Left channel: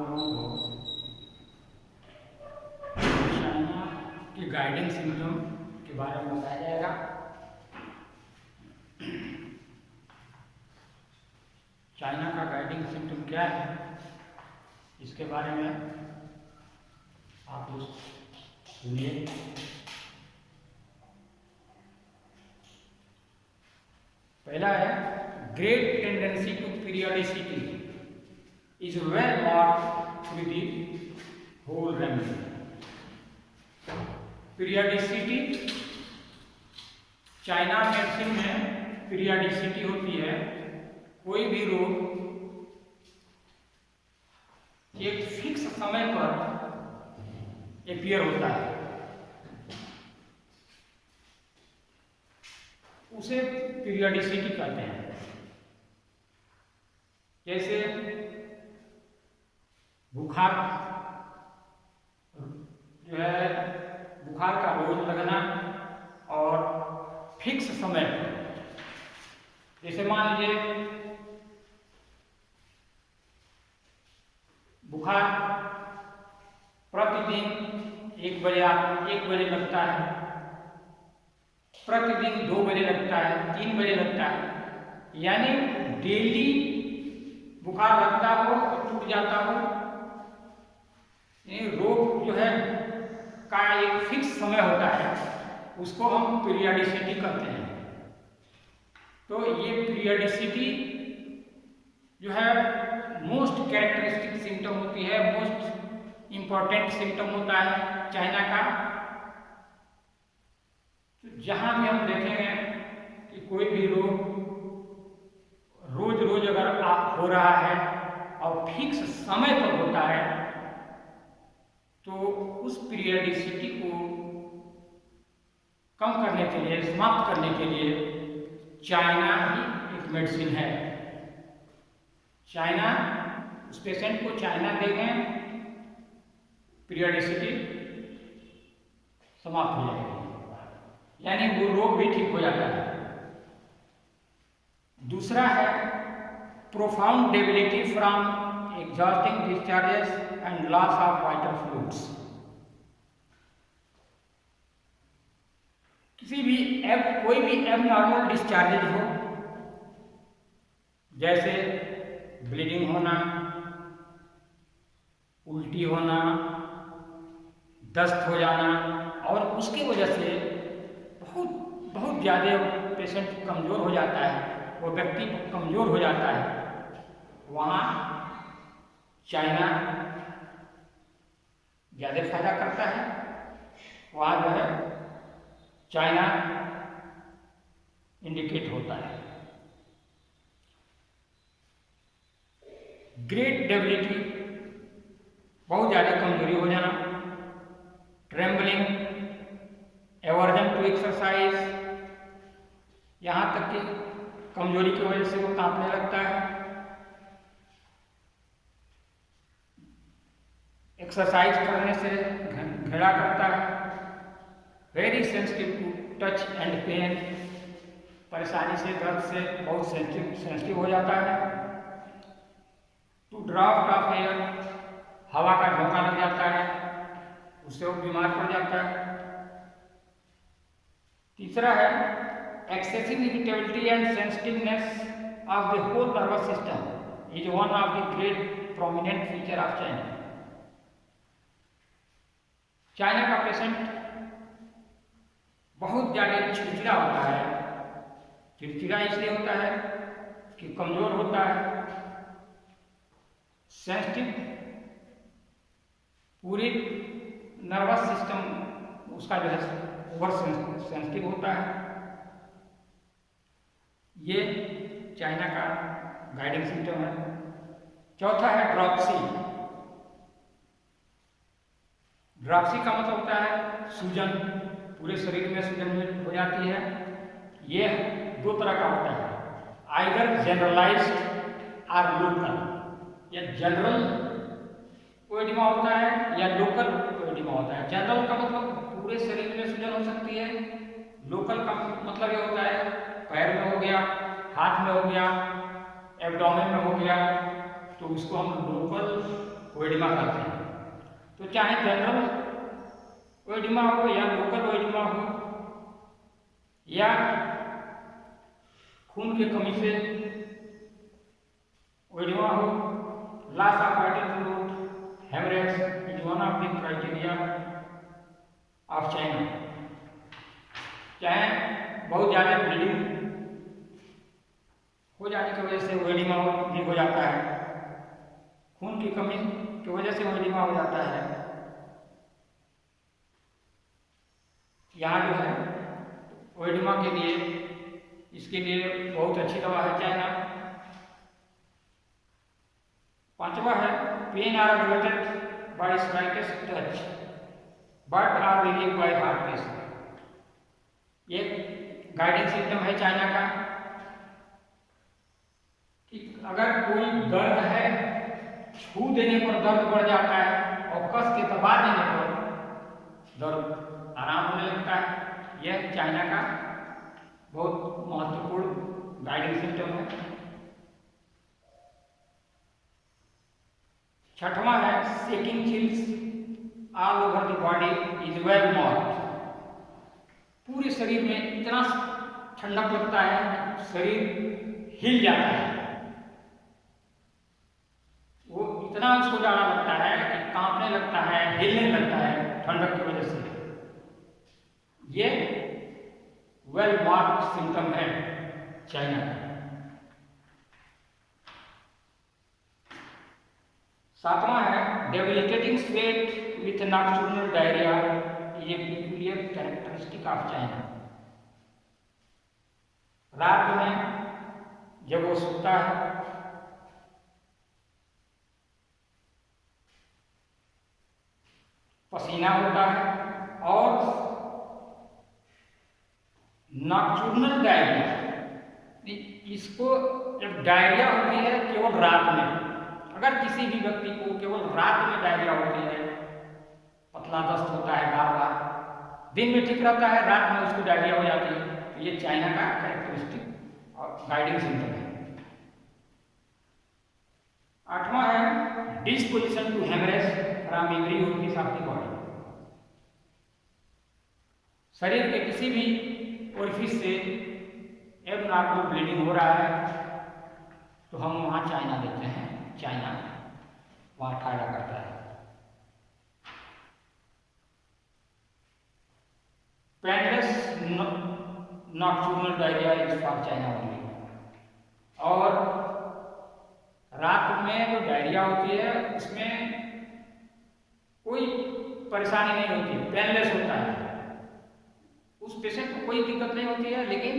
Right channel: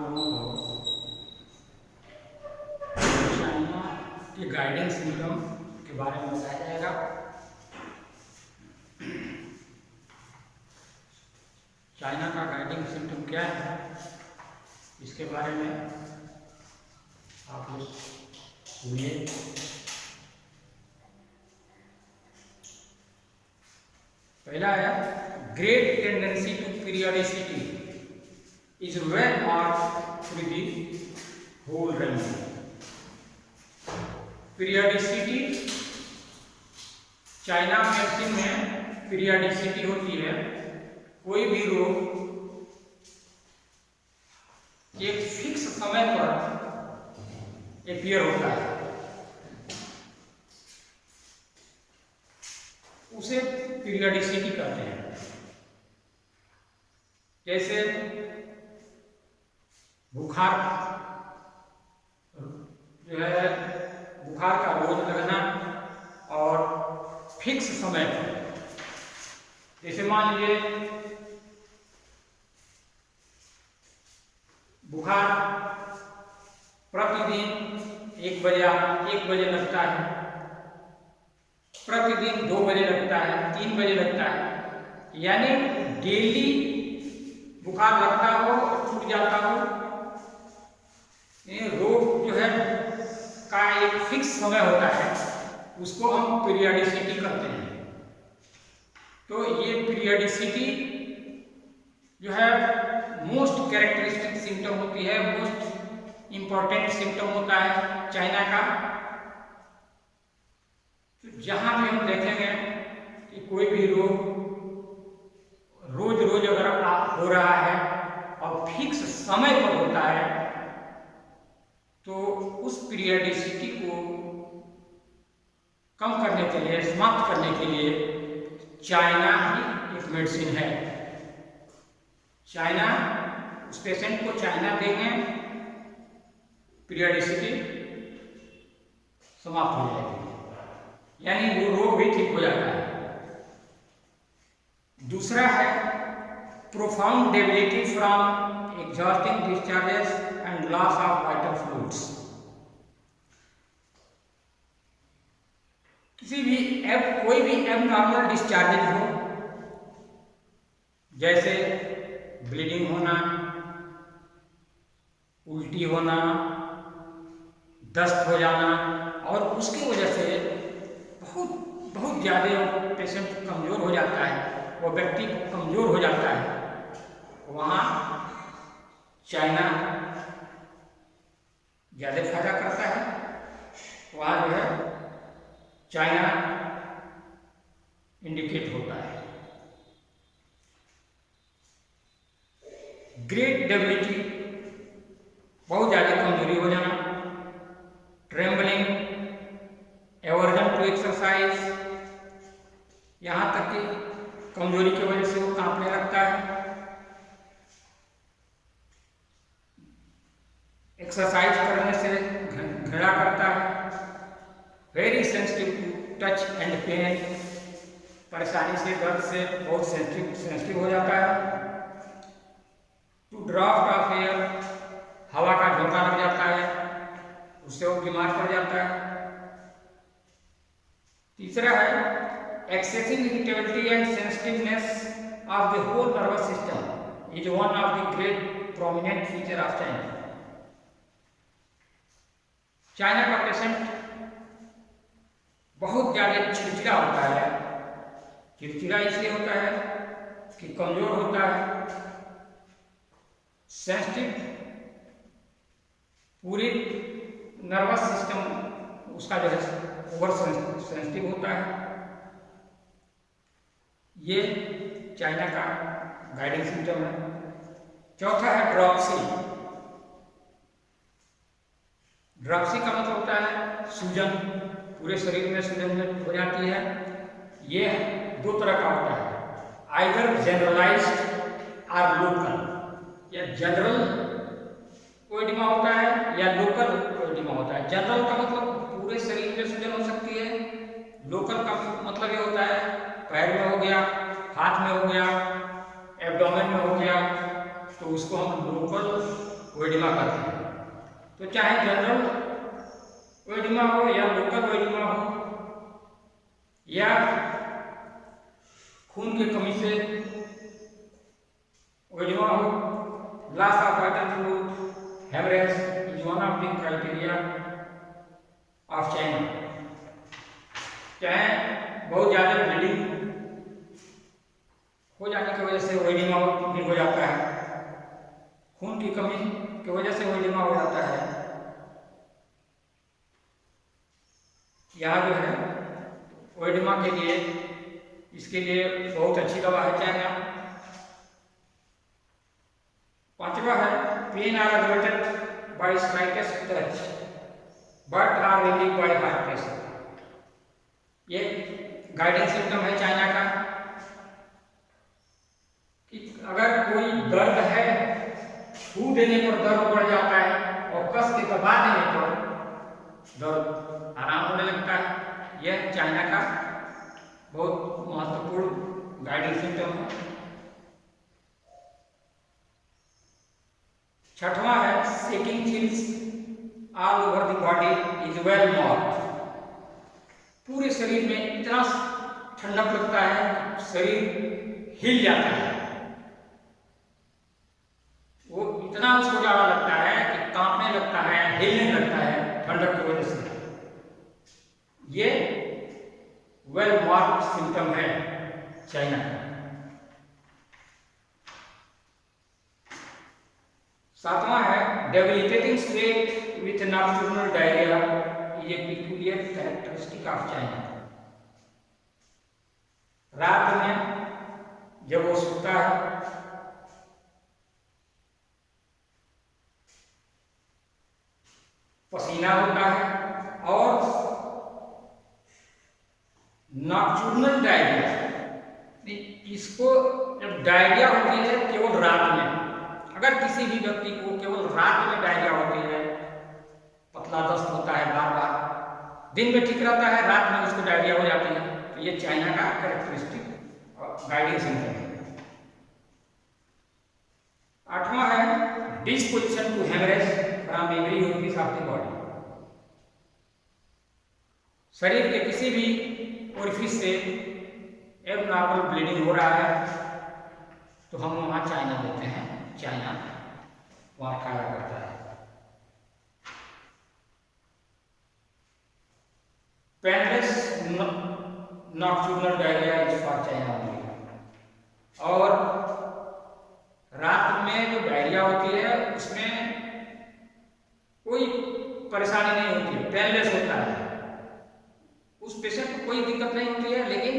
लोगों को चाइना के गाइडिंग सिम्टम के बारे में बताया जाएगा। चाइना का गाइडिंग सिम्टम क्या है, इसके बारे में आप लोग सुनिए। पहला है great tendency to periodicity is well marked through the whole range. Periodicity, China medicine में पीरियडिसिटी होती है। कोई भी रोग एक फिक्स समय पर अपीयर होता है, उसे पीरियडिसिटी कहते हैं। जैसे बुखार जो है, बुखार का रोज लगना और फिक्स समय पर। जैसे मान लीजिए बुखार प्रतिदिन 1 बजे लगता है, प्रतिदिन 2 बजे लगता है, 3 बजे लगता है, यानी डेली बुखार लगता हो, छूट जाता हो। ये रोग जो है का एक फिक्स समय होता है, उसको हम पीरियडिसिटी कहते हैं। तो ये पीरियडिसिटी जो है मोस्ट कैरेक्टरिस्टिक सिम्टम होती है, मोस्ट इम्पॉर्टेंट सिम्टम होता है चाइना का। तो जहाँ भी हम देखेंगे कि कोई भी रोग रोज रोज अगर हो रहा है और फिक्स समय पर होता है, तो उस पीरियडिसिटी को कम करने के लिए, समाप्त करने के लिए चाइना ही एक मेडिसिन है। चाइना, उस पेशेंट को चाइना देंगे, पीरियडिसिटी समाप्त हो जाएगी, यानी वो रोग भी ठीक हो जाता है। दूसरा है profound debility from exhausting discharges and loss of vital fluids. कोई भी एबनॉर्मल डिस्चार्जेज हो, जैसे ब्लीडिंग होना, उल्टी होना, दस्त हो जाना, और उसकी वजह से बहुत ज़्यादा पेशेंट कमज़ोर हो जाता है, वो व्यक्ति कमज़ोर हो जाता है, वहाँ चाइना ज़्यादा फायदा करता है। वहाँ जो है चाइना इंडिकेट होता है। ग्रेट डेबिलिटी, बहुत ज़्यादा कमजोरी हो जाना, ट्रेम्बलिंग, एवर्जन टू एक्सरसाइज, यहाँ तक कि कमजोरी की वजह से वो कांपने लगता है, एक्सरसाइज करने से घृणा करता है, very sensitive to touch and pain, परेशानी से, दर्द से बहुत सेंसिटिव हो जाता है, टू ड्राफ्ट ऑफ एयर, हवा का झोंका लग जाता है, उससे वो बीमार पड़ जाता है। तीसरा है excessive irritability and sensitiveness of the whole nervous system is one of the great prominent feature of China. China का पेशेंट बहुत ज़्यादा चिड़चिड़ा होता है। चिड़चिड़ा इसलिए होता है कि कमज़ोर होता है, सेंसिटिव, पूरी नर्वस सिस्टम उसका जो है ओवर सेंसिटिव होता है। ये चाइना का गाइडिंग सिम्टम है। चौथा है ड्रॉप्सी। ड्रॉप्सी का मतलब होता है सूजन, पूरे शरीर में सूजन हो जाती है। ये 2 तरह का होता है, आइदर जनरलाइज्ड और लोकल। या जनरल कोएडिमा होता है या लोकल कोएडिमा होता है। जनरल का मतलब पूरे शरीर में सूजन हो सकती है, लोकल का मतलब ये होता है पैर में हो गया, हाथ में हो गया, एब्डोमेन में हो गया, तो उसको हम लोकल ओएडिमा कहते हैं। तो चाहे जनरल ओएडिमा हो या लोकल ओएडिमा हो या खून की कमी से ओएडिमा हो, loss of vital fluid, haemorrhage is one of the criteria of China. चाहे बहुत ज़्यादा ब्लीडिंग हो जाने की वजह से ओएडिमा भी हो जाता है, खून की कमी की वजह से ओएडिमा हो जाता है। यहाँ जो है ओएडिमा के लिए, इसके लिए बहुत अच्छी दवा है चाइना। पांचवा है pain are aggravated by slightest touch but are relieved by hard pressure. ये गाइडिंग सिम्टम है चाइना का कि अगर कोई दर्द है, छू देने पर दर्द बढ़ जाता है और कस के दबा देने पर दर्द आराम होने लगता है। यह चाइना का बहुत महत्वपूर्ण गाइडिंग सिम्टम है। छठवां है shaking chills all over the body is well not. पूरे शरीर में इतना ठंडक लगता है, शरीर हिल जाता है, वो इतना उसको ज़्यादा लगता है कि कांपने लगता है, हिलने लगता है ठंडक की वजह से। ये वेल मार्क्ड सिम्टम है चाइना का। सातवां है debilitating sweat with nocturnal diarrhoea is a peculiar characteristic of China. रात में जब वो सोता है पसीना होता है और नॉक्टर्नल डायरिया, इसको जब डायरिया होती है केवल रात में, अगर किसी भी व्यक्ति को केवल रात में डायरिया होती है, पतला दस्त होता है बार बार, दिन में ठीक रहता है, रात में उसको डायरिया हो जाती है, तो ये चाइना का कैरेक्टरिस्टिक और गाइडिंग सिम्टम है। आठवां है disposition to haemorrhage from every orifice of the body. शरीर के किसी भी ओरिफिस से एबनॉर्मल ब्लीडिंग हो रहा है तो हम वहाँ चाइना लेते हैं, चाइना वहाँ फायदा करता है। Painless nocturnal diarrhoea is for China only. और रात में जो डायरिया होती है उसमें कोई परेशानी नहीं होती है, पेनलेस होता है, उस पेशेंट को कोई दिक्कत नहीं होती है, लेकिन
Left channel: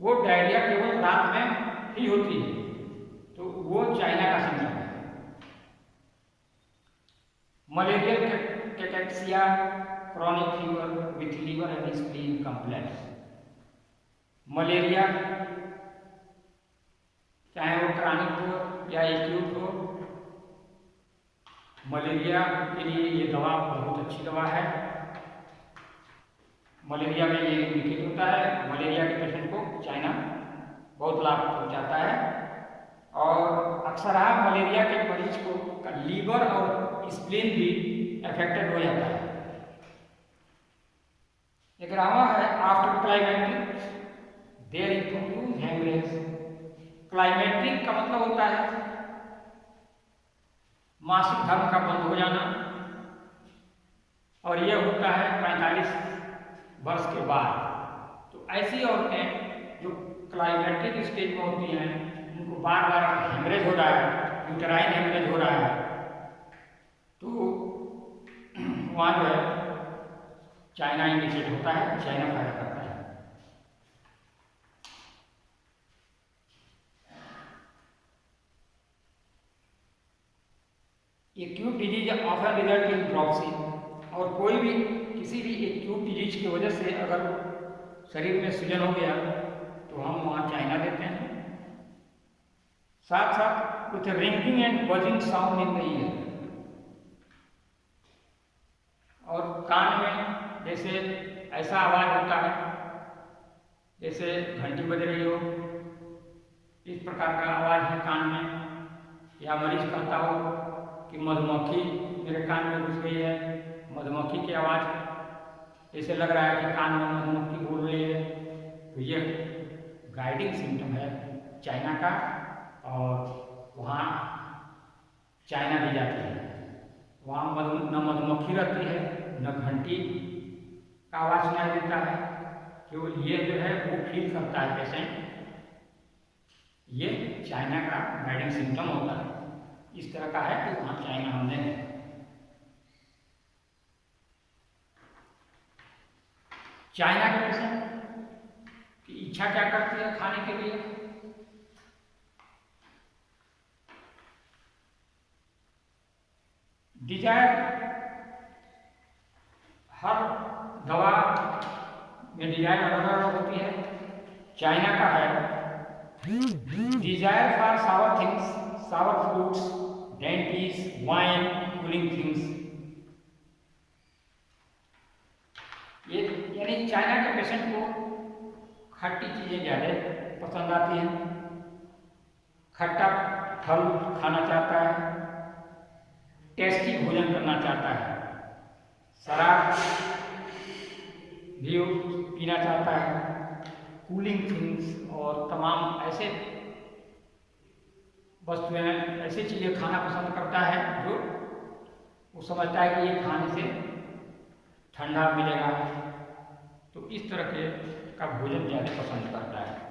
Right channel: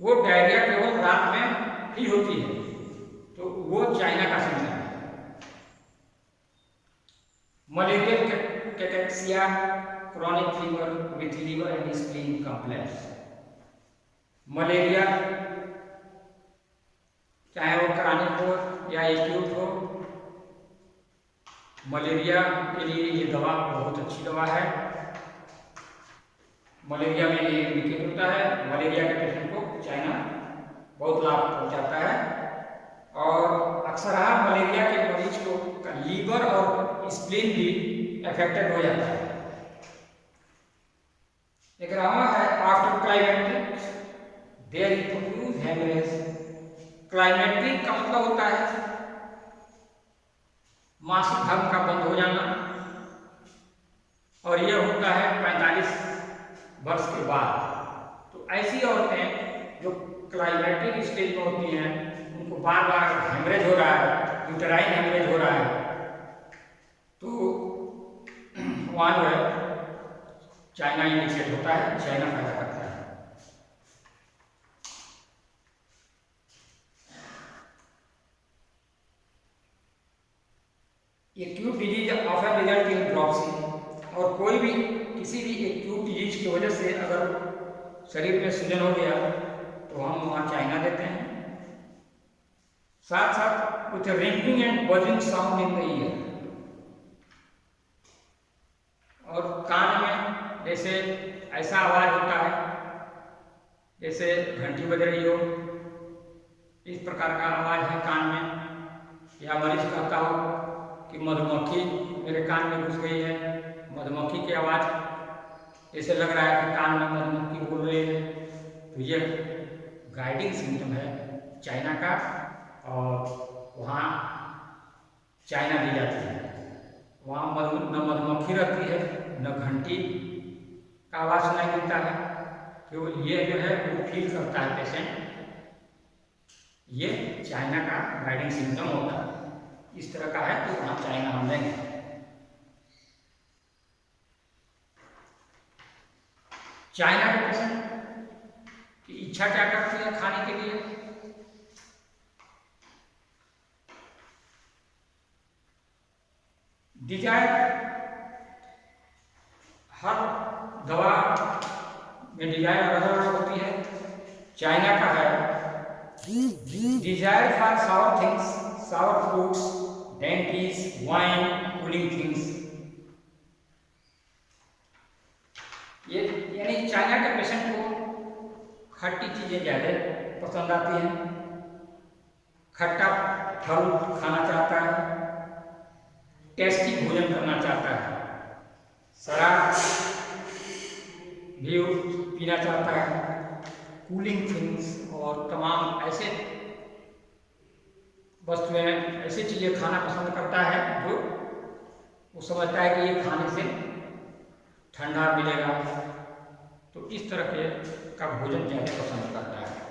वो डायरिया केवल रात में ही होती है, तो वो चाइना का सिम्टम है। Malarial cachexia, chronic fever with liver and spleen complaints. Malaria चाहे वो क्रॉनिक हो या एक्यूट हो, मलेरिया के लिए ये दवा बहुत अच्छी दवा है। मलेरिया में ये इंडिकेट होता है, मलेरिया के पेशेंट को चाइना बहुत लाभ पहुंचाता है। और अक्सर मलेरिया के मरीज को लीवर और स्प्लीन भी अफेक्टेड हो जाता है। 11वां है after climatic there is produce haemorrhage. Climatic का मतलब होता है मासिक धर्म का बंद हो जाना, और यह होता है 45 वर्ष के बाद। तो ऐसी औरतें जो क्लाइमेटिक स्टेज में होती हैं, उनको बार बार हेमरेज हो रहा है, यूटेराइन हेमरेज हो रहा है, तो वहाँ जो है चाइना इंडिकेट होता है, चाइना फायदा करता है। Acute disease often result in dropsy. और कोई भी किसी भी एक्यूट डिजीज की वजह से अगर शरीर में सूजन हो गया तो हम वहाँ चाइना देते हैं। साथ साथ with ringing and buzzing sound in the year. और कान में जैसे ऐसा आवाज होता है जैसे घंटी बज रही हो, इस प्रकार का आवाज है कान में, या मरीज कहता हो कि मधुमक्खी मेरे कान में घुस गई है, मधुमक्खी की आवाज़ ऐसे लग रहा है कि कान में मधुमक्खी बोल रही है। तो यह गाइडिंग सिम्टम है चाइना का, और वहाँ चाइना दी जाती है। वहाँ न मधुमक्खी रहती है, न घंटी का आवाज़ सुनाई देता है। केवल ये जो है वो फील करता है पेशेंट। ये चाइना का गाइडिंग सिम्टम होता है। इस तरह का है तो वहाँ चाइना हम लेंगे। चाइना के पेशेंट की इच्छा क्या करती है खाने के लिए? डिजायर, हर दवा में डिजायर अलग अलग होती है। चाइना का है desire for sour things, sour fruits, dainties, wine, cooling things. ये यानी चाइना के पेशेंट को खट्टी चीज़ें ज़्यादा पसंद आती हैं, खट्टा फल खाना चाहता है, टेस्टी भोजन करना चाहता है, शराब भी पीना चाहता है, कूलिंग थिंग्स और तमाम ऐसे वस्तुएं, ऐसी चीज़ें खाना पसंद करता है जो वो समझता है कि ये खाने से ठंडा मिलेगा। तो इस तरह के का भोजन ज़्यादा पसंद करता है।